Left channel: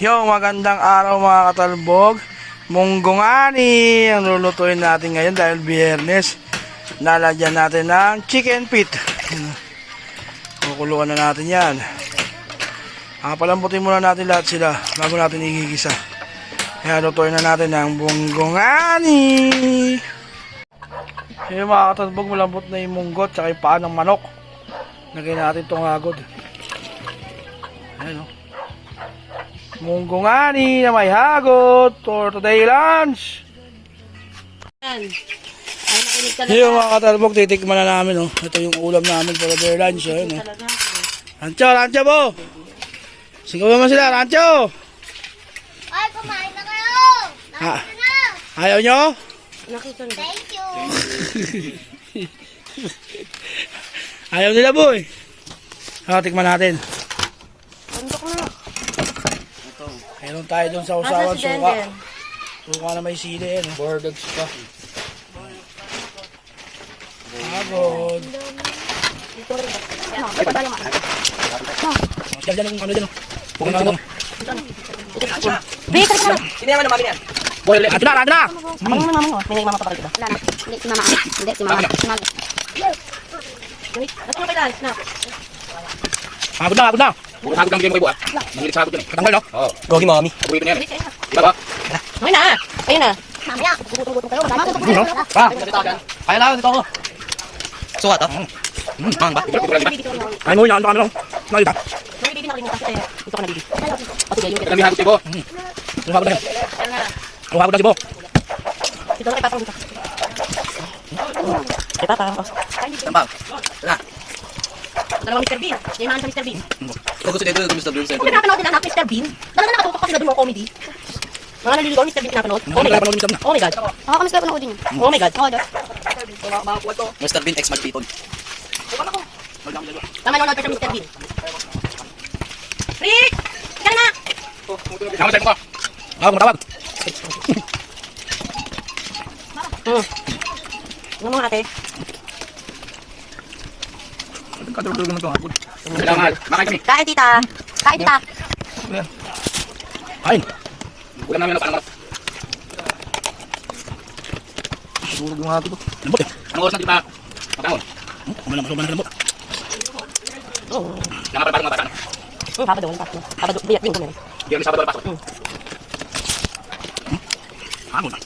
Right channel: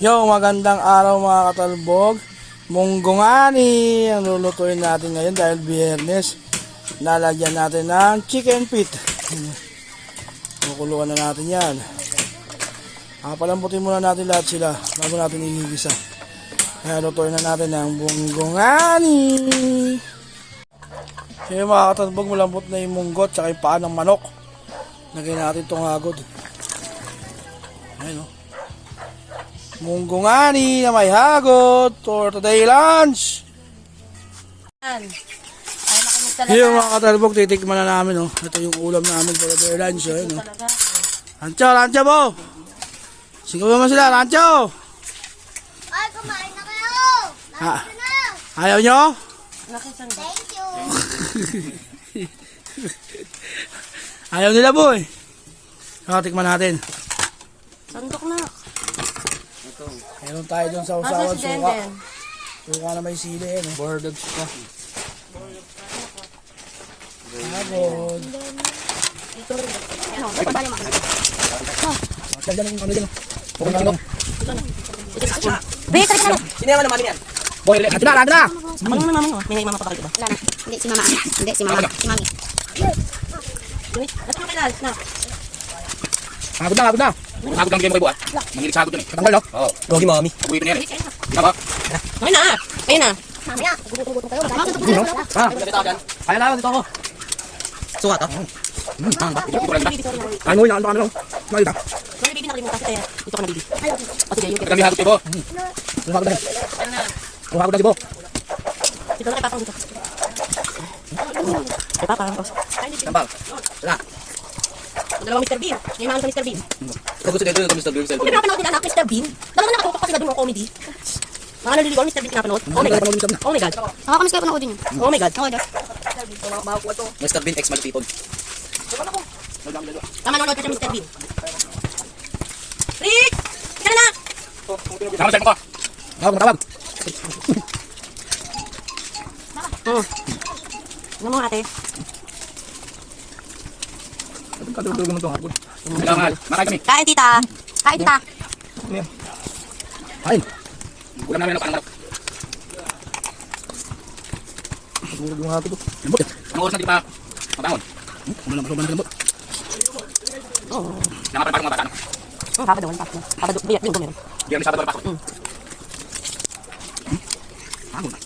Yo, magandang araw mga katalbog. Munggungani ang lulutuin natin ngayon dahil biyernes. Lalagyan natin ng chicken feet. Kukuluan na natin yan. Palambutin muna natin lahat sila bago natin igigisa. Kaya lutuin na natin ng munggungani. Yung mga katalbog, malambot na yung munggot tsaka yung paa ng manok. Lagyan natin itong hagod. Ayan o. Munggungani na may hagod for today lunch. Yung mga katalbog, titikman na namin. Oh. Ito yung ulam namin for today lunch. Oh. Ayan, oh. Rancho, Rancho po. Sigaw naman sila, Rancho. Ay, kumain na kayo. Nakita na. Ayaw nyo? Thank you. Ayaw nila boy. Tikman natin. Bundok na. Meron tayo dun sa usawan suka. Suka na may sili. No? Bordeaux pa. Hagod. Diyan yung ano dyan. Sino naman naman yan? Boy, Ato na, ato na! May mama pa dito. Wala na. Hindi, si mama. Hindi, si mama. Si mami. Hagod na, hagod na! Sagod lang bigay mo kay buha. Mangilig sagod yun eh. Patanggal no? Oo. Gogi mami. Paborito na yan eh. Diba ba? Okay na. Ayun na. Mamaya. Gugutom kayo. Wala na. No? Kaya lang dito ako. Suka to? Mang ba? Ay mo yan, ano? Nakita? May bibi na rin mo kasi tayo. Dito ka na bibi. O sige, yung Kami hagot tibo. Yung hagod na yan. yan na. Yung hagod na sibo. Dito na ipapang dito. Ito parang ko. Tampal. Wala. Dalawang Mr. Bean. Yan naman sa Mr. Bean. Ito gusto nito. Gusto Bruce. Kung pinapanood nila anak Mr. Bean, talaga nakatutok kasi na doon ng comedy. Mga naliligaw Mr. Bean pinapanood. Oh my God. Oh my God. Nakakamiss kayo panoodin yun. Oh my God. Mr. Bean X Magpipon. Tama nanonood ka sa Mr. Bean. Rick! Ikaw na! Tama sa'yo ko. Tawag mo, tawag. Ano mo ate? Kadulog naman itong hagod. Kailangan. Makain kami. Kain tita. Kain tita. Kain. Ulam namin ano parang Kadulog yung hagod. Lambot eh. anong oras na dito na mabangon? Kumalang sobrang lambot. Yang apa parang mabata na. Sabado. Sabado. Biyak yung gumen. Biyernes Sabado wala pasok. Hagod na.